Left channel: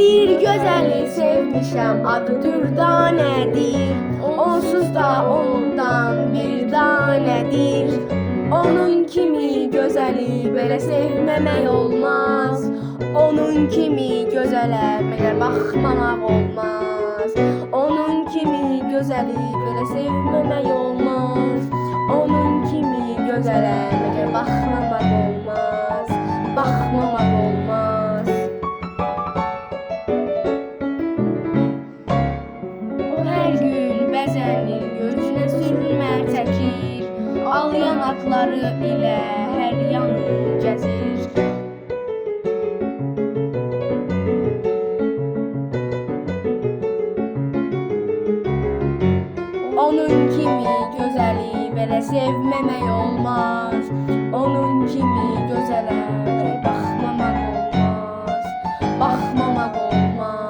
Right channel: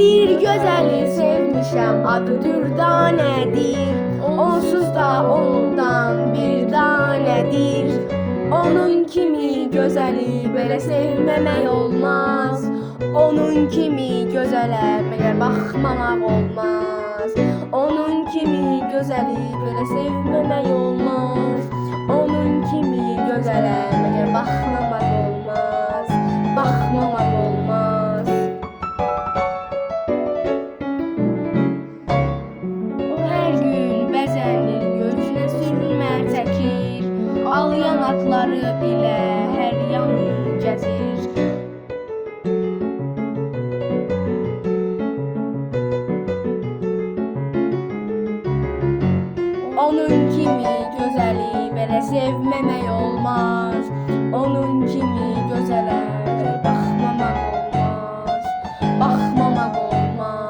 bir gözəli sevmişəm, adı Dürdanədir. Onsuz da ondan bir danədir. Onun kimi gözəli belə sevməmək olmaz. Onun kimi gözələ məgər baxmamaq olmaz. Onun kimi gözəli belə sevməmək olmaz. Onun kimi gözələ məgər baxmamaq olmaz. Baxmamaq olmaz. O hər gün bəzənir, gözünə sürmə çəkir. Al yanaqları ilə hər yanı gəzir. Onun kimi gözəli belə sevməmək olmaz. Onun kimi gözələ baxmamaq olmaz. Baxmamaq olmaz.